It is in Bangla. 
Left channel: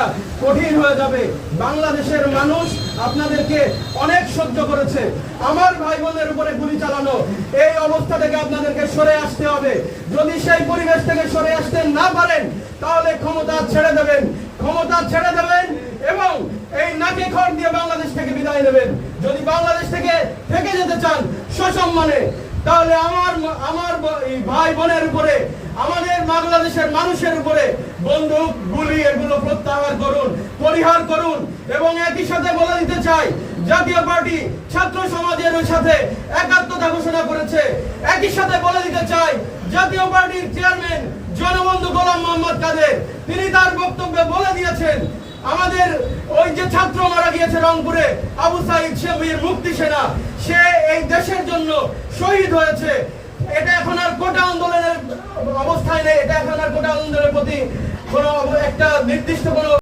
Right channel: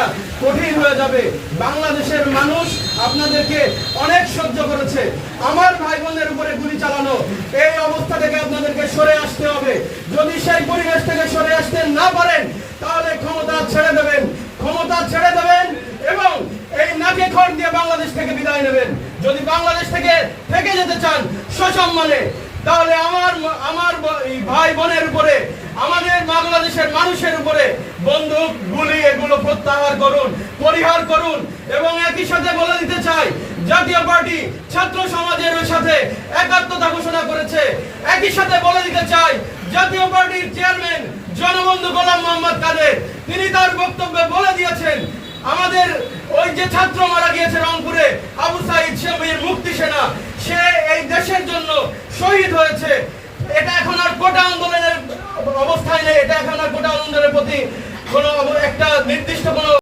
রাখা কঠিন হয়ে যাবে। বাংলাদেশের মানুষ আপনাদেরকে অনেক সহ্য করেছে। আমার ভাই বোনের উপরে গুলি চালানো, এই অবস্থা থেকে আপনাদেরকে সরে আসতে হবে। যদি সেই পরিবেশ থেকে সরে আসতে না পারেন তাহলে ক্ষমতা ছেড়ে দেবেন এবং এই নাকে খড় দিয়ে বাংলাদেশ থেকে বিদায় নেবেন। যদি বাংলাদেশ থেকে যেতে চান সসম্মানে, তাহলে আমার ভাই বোনের উপরে, আমাদের বাংলাদেশের মানুষের উপরে বন্দুক গুলি এগুলো পরিহার করুন। এবং একই সাথে বলে দিতে চাই, জাতীয় পার্টি ছাত্র সমাজের সাথে একাত্মতা ঘোষণা করেছে। একই সাথে বলে দিতে চাই, জাতীয় পার্টির চেয়ারম্যান জনবন্ধু গোলাম মোহাম্মদ কাদের তিনি তার বক্তব্যে বলে দিয়েছেন, আমাদের ওই যে ছাত্র মারা গিয়েছে রংপুরে, আবু সাইদ সে মুক্তি সেনা, সে এই দেশের জন্য শহীদ হয়েছে। এটা এখন আর কোটা আন্দোলনের অবস্থায় নেই, এটা এখন আর কোটা আন্দোলনের প্রতি কোনো একটা নির্দিষ্ট কোনো